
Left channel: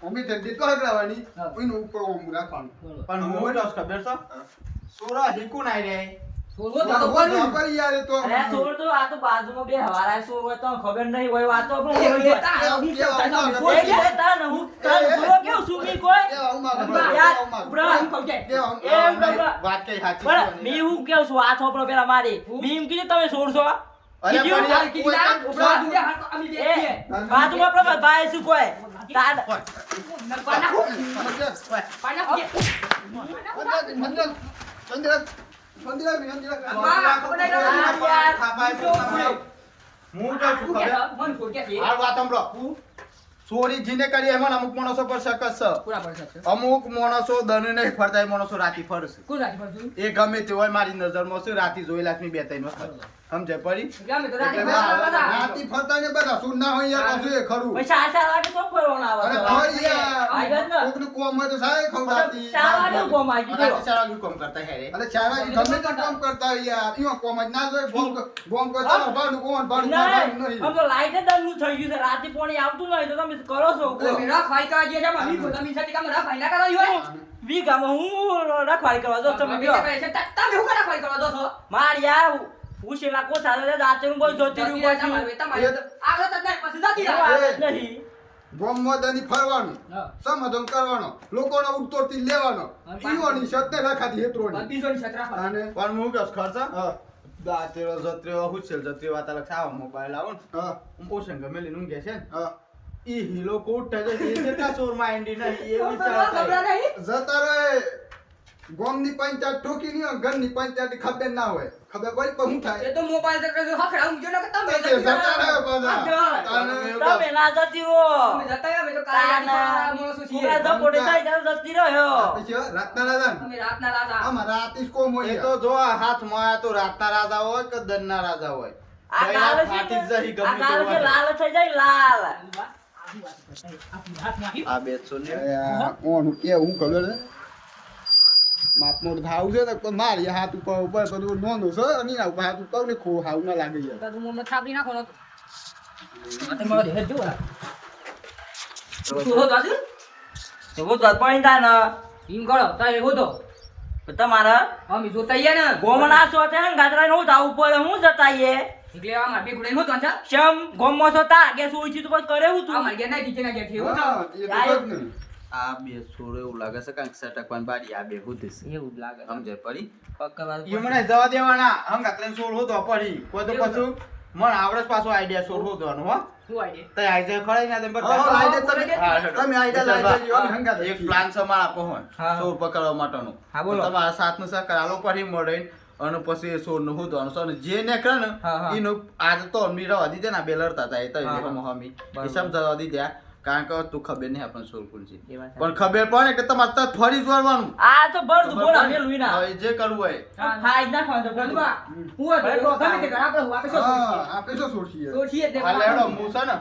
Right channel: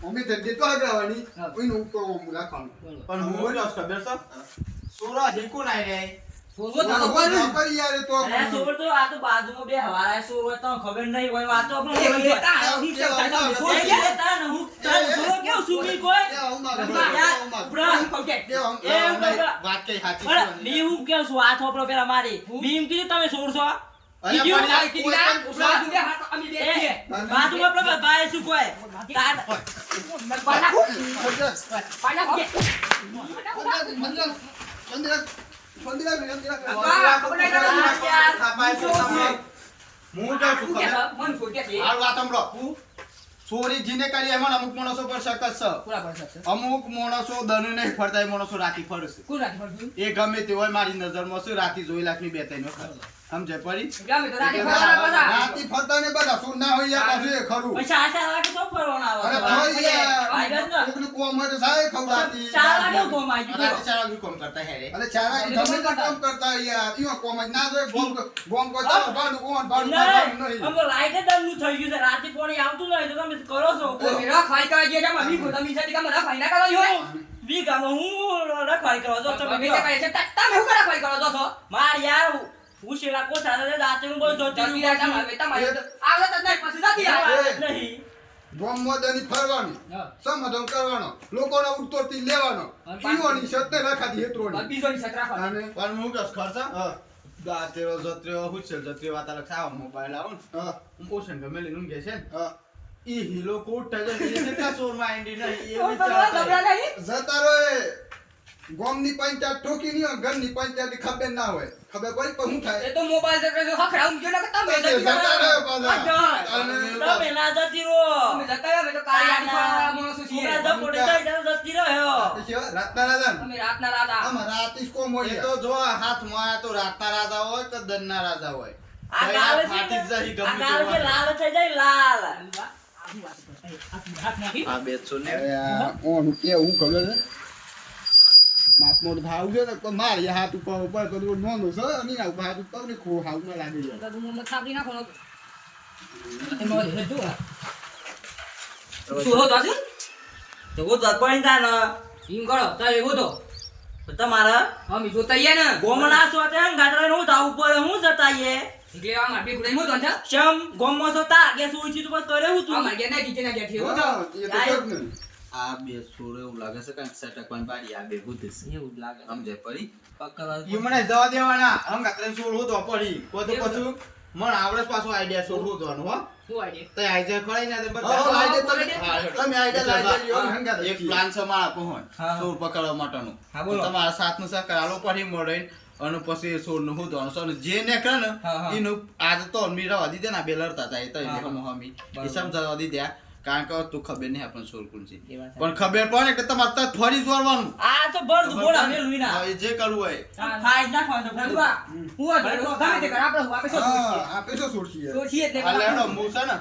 મમ્મી તે દીતો હગરાવાની હા. એનું ઉપર ઓમ રાખવાનું પણ હું હોય તો ખબર છે સોરા હિકુ નાઈ રે બોલો તો તો કોણ? કરી યાર એ તો અરે સોર તો આ તો બાજુમાં બે હવારા સોર હોય તો ખબર નહીં હોય વાતો એ પણ ભાઈ દેતા હું કેવું થાય તો કોઈ સોય કે તારા ને હું તારા જોરો કેવું સુમી કોઈ વાત કઈ સાચી પણ છે. મી હું કેવું છું આ થોપડો પેલા મારી મી એમ કીધું તમે સોરશો અરે કીધું પણ તારે કીધું ના, ઉપરા દુંડે હાથ અમે બે છીએ. બાજુમાં પ્રભાત ભાઈ શું કોઈ તાર પાના પાના કે હું કહું છું ખબર મન છોડ કે આ વાત સાંભળો ચોરી જીને કરી એમાં અમુક માણસો પર શકત છે પૂરા પર શકશે. અમુક માણસો દનુ નહીં ફરતા એ માણસો રાતી ફરશે કોણ રાખી પડતું? એ ગમે તે હોય મારી નજરમાં છે રાતી જોઈ લાખની બે ત્રણ વખત સમજે પડી ગમે તો રાતે ફરવાના બધા. રાતી ફરતા ને બધા સુન ના હોય યાર પાછું એ ખરું પૈસા આશા લાગે તો ફરવાના આવે અરે છે. કોકનું કોમ હોય તો સાહેબ ખવડાવતી. ચાર વાગે ગોમ આવી ગયો. રાતે 4 વાગે કોમ કરતા હે રે. અરે ચારા ગમે તે કામ કરતા હોય યાર. ઈમાં કોમ જ ના જોઈએ. ગોમ કરતા હોય, ભાંડું કોણ, ભાંડું નહીં, નહીં. આમ તો લાઈટ જ બંધ થઈ ગયું છે. રાતે પાણી આવતું નહીં તો તમે કરો છો તમે રખવાઈ કરવા ગયા છે, મી તમે છે કે રખવાઈ ના કરવાની હોય. વીઘામાં હું રખવાડી કરવા જાઉં તમે તમે શું કરે છે? તમે શું રખવાઈ કરવા દો છો? માર યાર ઉછેલા કોઠા છે દાંતેનું બહુ જોતી જતી રહ્યું રહેતા પાછું. તમારે તો આવડત જ નહીં, પછી જતી રહે. નહીં ગોમમાં દની ફરવાનું, હા. સમાધાન કરવાનો, લોકોનો ઉડતોડથી લેવાનો, અને ઈઓની સત્ય રાખાતી હેતરોની. બીજોની છત રાખવાની. અને પણ હું કસ ખર્ચ હા, દાતેરો જત્રેવો હુછેલ જત્રેવો વાતા લખાવ મોબાઈલ આવો ને હા, હું ઓશન ગમે લઈને ઊંઘે છે ને હા. ઈ હીલો કોટ ટકે એ કેટલા ચોર માં એન્ડી નહીં એ તો ભગવાન ખબર નહીં. જતા રહે. ગોમની પંચાયત ઠોકી નહીં હોય, ઘરની પંચાયત ખબર ના હોય. ખબર પડી પણ શું થાય? એ તો મોબાઈલ से હખડાવું જો ને કે તમે જતા રહે પાછા. અને તમે ના જતી રહો. તમે જતા રહો, અમે તો કાળી ગાડી પાડવાવાળા માણસો છીએ. પૂરા તો પોતે જાય ત્યારે જતી રહ્યો. પછી રાતના રાજા ને? અમે રાતના રાજા. અમારા આતીશ કોમ હોય એ તો જો આ હાથમાં આયા તો રાતના રાજા હોય કે દનના રાજા હોય આ ગાલ છે ફાટી જ જઈ ને, આ ગમે ગાલ તે છે લાલ થઈ જાય લાલ. આ બેસો ને અરે આ ઓનું કેવું ખબર છે? માપમોડ થાવું છે ને પણ મારી હાથ ઉપર બધું નોંધું છે અને એના ઉપર હાથ ઉપર ને ખો હાવ ના લાગી જાય. તો હું થાપી નાખો ને. આ મારો દેહ જો આ. શું હો દાદુ? એવો દર્પણ થાય ને ઈમ કરો, તારે એવો તો. તો તમારા અમે જોતા આઈએ ને. ગોમના સોતે ને ગાતરા નું થાવ ઉપર હું જતાઈએ એટલે આ માર બે ગુડાઈ હોતો ને. શમ ગોમમાં સોતા કે સુઈ તો બસ કરે હું આ તું માર ગયા ના કિચન ગયા છે એવો તો. હા, એ તો છે જ ને. આ બે છોરો એવું લાગે છે કાંઈક સટકવાન બારી આ બે હુધી છે એવું જ લાગે. સમજાય પડી પકડવા ઈ મને જવા દેવાના હમ કાતરે છોડ હોતો પડી કોઈ તો એવું પાછું મને આવડે જ પાછો આઈડિયા છોડ હોતોનો હો શું આઈડિયા? તો આઈ જાય ખડાઈ ના દે હા, હા, લાઈ દે તમે. હા, હેડો. તમે આઈડિયા લાઈ દેજો, અમે હંગાત એક છીએ. પ્લાન છે મારા પહોંચ હા. છોડ પકડવા માટેનું હા, બોલો. તમારા સાથનું સહકાર આલો પડી મળે અને પછી એ છોડનું હોતવાનું છે અને જે નીકળે ને હા, હા. એનું આજ તો મી રવા દીધે ને આ બે લડતા હતા એ તો હા, હમ હા. હમી બરાબર. એ સમજાવવા દીધા કારણ કે તું ખબર નહીં આપણને છોડ કોણ છે એ વાત પણ ખબર પડે કે તમારે તરત ફરી જોડવાનું આ તો બળ ખબર બોલા પડે? મે લુઈના હા, એ જે કરવું હોય ખાઈ જ નાખવાનું તો નંદુબા, હું હતો, ગમે તે કર, આપણે હું આપે શું હા, છીએ? આપે શું છોડશીએ? તો છીએ જ ને. હાલે હેડો હું છે ને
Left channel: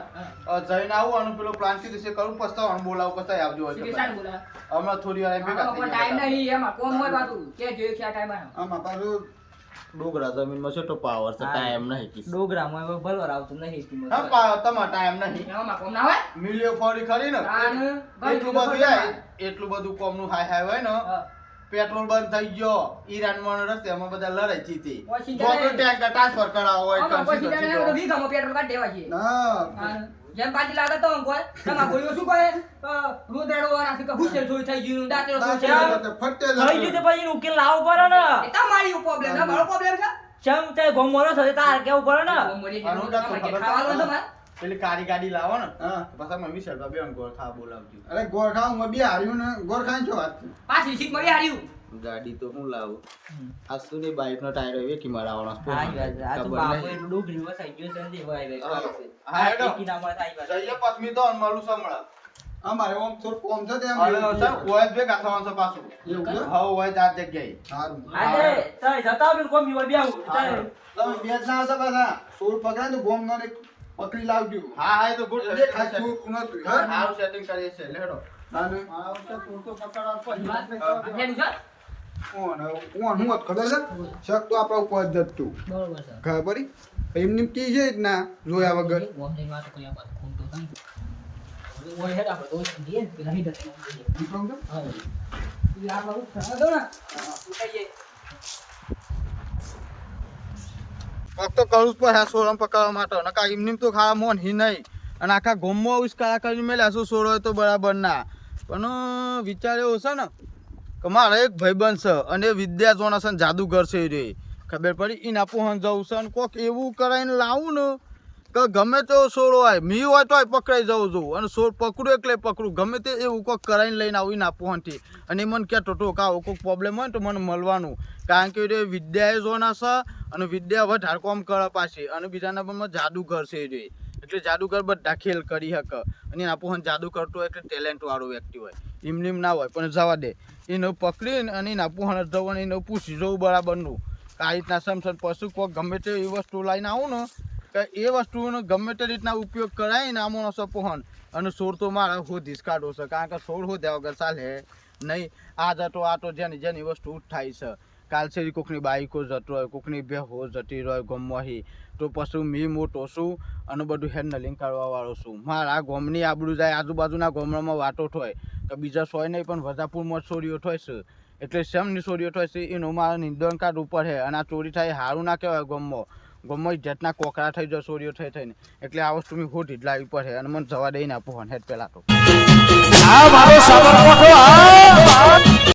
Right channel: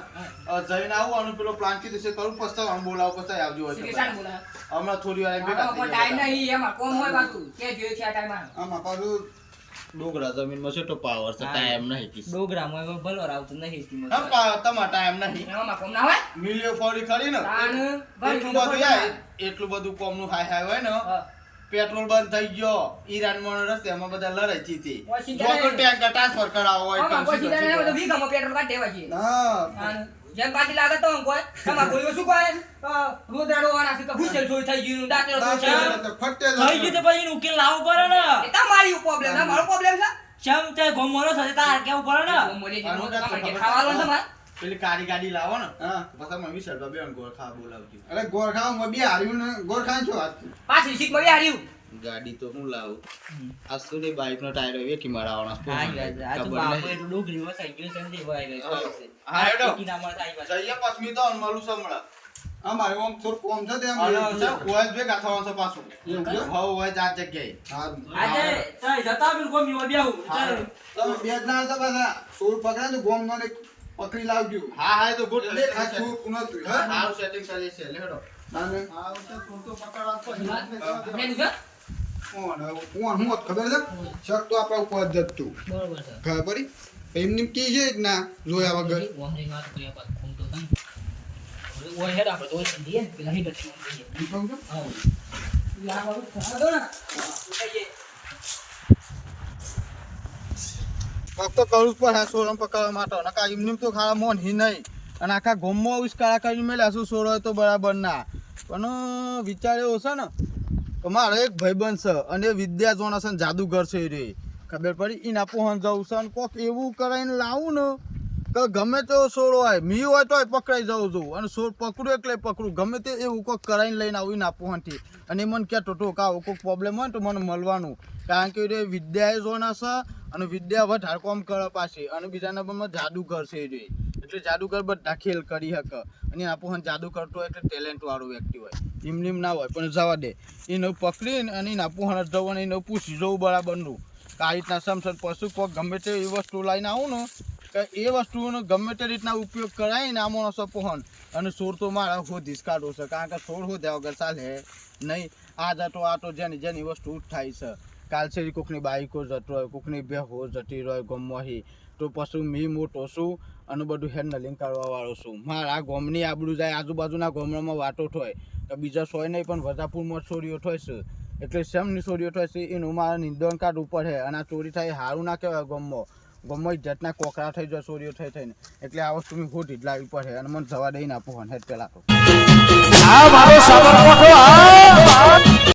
જઈને આવું અને પેલો પ્લાન કીધું છે કરું પસ્તાવાનું બોલાવું પસ્તાય આવજો હોય તો શીખે શાને બોલાવે? હમણાં થોડી વાર ભેગા આમાં થઈ પણ ટાઈમ ગયા નહીં, એમાં કોમ હોય પાછું. કે જોઈએ છે આ ટાઈમમાં. આમાં પાછું ડોગરા જમીનમાં છેટો પાવર છે ટાઈમ નહીં કિસ ડોગરામાં એવો ભલવાર આવતો નહીં કિંમત હા તમારો ટાઈમ નહીં એમાં કોમ ના હોય? મિલિયો ફરી ખરી ને તાન એટલું ભાઈ બધું યાર એટલું બધું કોમનું હાય હાય હોય ને હા. પેટ્રોલ બંધ થઈ ગયો ઈરાનમાં રસ્તામાં બધા લડાઈ જીતી વોશિંગ્ટન જોકો ટેન્કર ટ્રાન્સફર કરાવો હોય આમાં કંસી પછી કંસી તને કરો. વીઘામાં પેટ્રોલ કાઢી દેવા છીએ. ના તાન જેમ પાટી લાગે તો આમ કોઈ તમારે ગોળીઓ શું કહે? રોદડાડો વાળા છે કે ભૂસેલ થોડી થઈ ગયું, દાંતેડો થોડી થઈ ગયો. ફટે થઈ ગયું તો પછી એનો ઉકેલ લાવવો પડે ને એ તમારી પ્રોબ્લેમ છે, મારો પ્રોબ્લેમ છે. શમ તે ગોમવાનો સાથે તાર કેવું પડે ને કોમ મળી આનું ગયું, કાંઈ તમારે ખબર ખાવાનું પડે? તમારે. પેલી કાળી ગાડી લાવો ને હા. પછી અમે વિચાર બે ગોળ ખા બોલાવજો અરે ગોરખામાં બે હાર્યું ને ગોરખાઈ છો વાત પાછી સીટ મળી હાર્યું. ગાડી તો હું લાવું આ સુની બાઇક નો ટાયર વેકી મારવાનો હા ઈ વાત છે. આ તો ખબર બાપો નહીં. એટલું ડોગરી વસાઈ ગયો છે ને તે વાય હા. ગઈ છે. હા, હેડો. કિનામાં થાય વાત. જઈએ પછમી તો મળું સમળા અમારે ઓમ થોડું કોમ છે તે એમ અને એવું સર હોય જ ભેગા થવાનું છે પાછું એવું છે? હા હોય જ આ જગ્યાએ સારું. આ તે તઈ જતા બિલ કોમી માં બેહું સારું. તમે બે જણા હતા પાછા સોળ પકડા તો ગોમ મને પકડી લાવજો હા હા એ તો ગુડ એટલે ખાસ સોળ નતું હા હાલ સેટિંગ કરીએ છે લેડો તાને આ વખતે પૂરતો પકડવા પછી લેલું છે? કોણ હું હોત ખબર છે શક તો આપણા ઉપર જ જતું બરોબર છે. ખબર પડી એમને કી છે જ ના જોયા વગર ઓમ જઈને વાતો કર્યા બાદ ફોન તો તને. ઓય હેડ આપણે દોઈ દીએ ને પેલા હીટર ઓમ જઈએ. હું કહું છું? હા. પેલા આપણે ખરા દો ને. ઉઠાઈએ. પગ તો કરવું જ પડે સોરમ પકડવા માટે નકા એમની તો ખાવા મોન હી નહીં અને આખા ગોમમાં આવીશ કાળા કરીને મેલ્યા શું સોરો હોય તો બરાબર ના પણ વિચાર એવો છે ને કે મારે એક ભાઈબંધ છે અને એ વિદ્યા જોના છે ને જાદુગર છે એ રે ખબર પડી એના પહોંચ જવું છે અને કોક એવું કરાવીને લાવું ને કે ગમે તેવો સોરો હોય મી હોય તોય પકડાઈ જવું જોઉં અને સોર પકડું એટલે પકડું ગમે તે એવું કોક કરાવીને લઈને આવું એના પહોંચથી અને એ મને કહેતો ટોક આવો કોઈક પ્રોબ્લેમ હોય ને તો મને મળવાનું કારણ કે એ વિદ્યાએ જોના છે અને વિદ્યા વધારે કામ કરે પાછી અને બીજા નંબરમાં જાદુગર છે એ રે એટલે જાદુગર બધા ખેલ કરી શકે અને એના પહોંચ જાદુ કરતો હોય એટલે ટેલેન્ટ વાળું વ્યક્તિ હોય એમને એમ ના હોય પણ જવા દે એને પકડીને અને એના પહોંચ જવું અને એને પૂછી જવું બરાબરનું કે આ રીતના સમસર પશુ કોઈક ગમે તે એ વસ્તુ લઈને આવું ને કે એ વસ્તુનો ગમે તે રીતના ઉપયોગ કરાય ને આ માણસો પહોંચ અને સોર તો મારા હોધી જ કાઢો છે કારણ કે સોર હોદ્યા વગર ચાલે નહીં. આ તો જેની જેની વસ્તુ ઉઠાઈ છે. કાલ છે કોકની બાઈકો જતો હોય, કોકની બેહો જતી હોય ગમવાહી, તો પછી મી મોટો છું અને બધું હેન્ડલિંગ કરવા વાળો છું. મારા ગોમની આબરૂ જાય, આજુબાજુના ગામડામાં વાતો થાય તો બીજા સોય નહીં પણ વજાપુરમાં ચોરીઓ થાય છે. એટલે શેમની ચોરીઓ થાય છે એનું મારા નિંદન કાઢ ઉપર છે. અને આ ચોરી થાય સારું ના કહેવાય. ગમમાં ઇજ્જતના કોકરા થઈ જાય ચોરીઓ થઈ થઈને. એટલે આ વસ્તુ મેં ખોટી જ લાવવી પડે અને મને જવા દઈને આપો હેડ પેલા તો.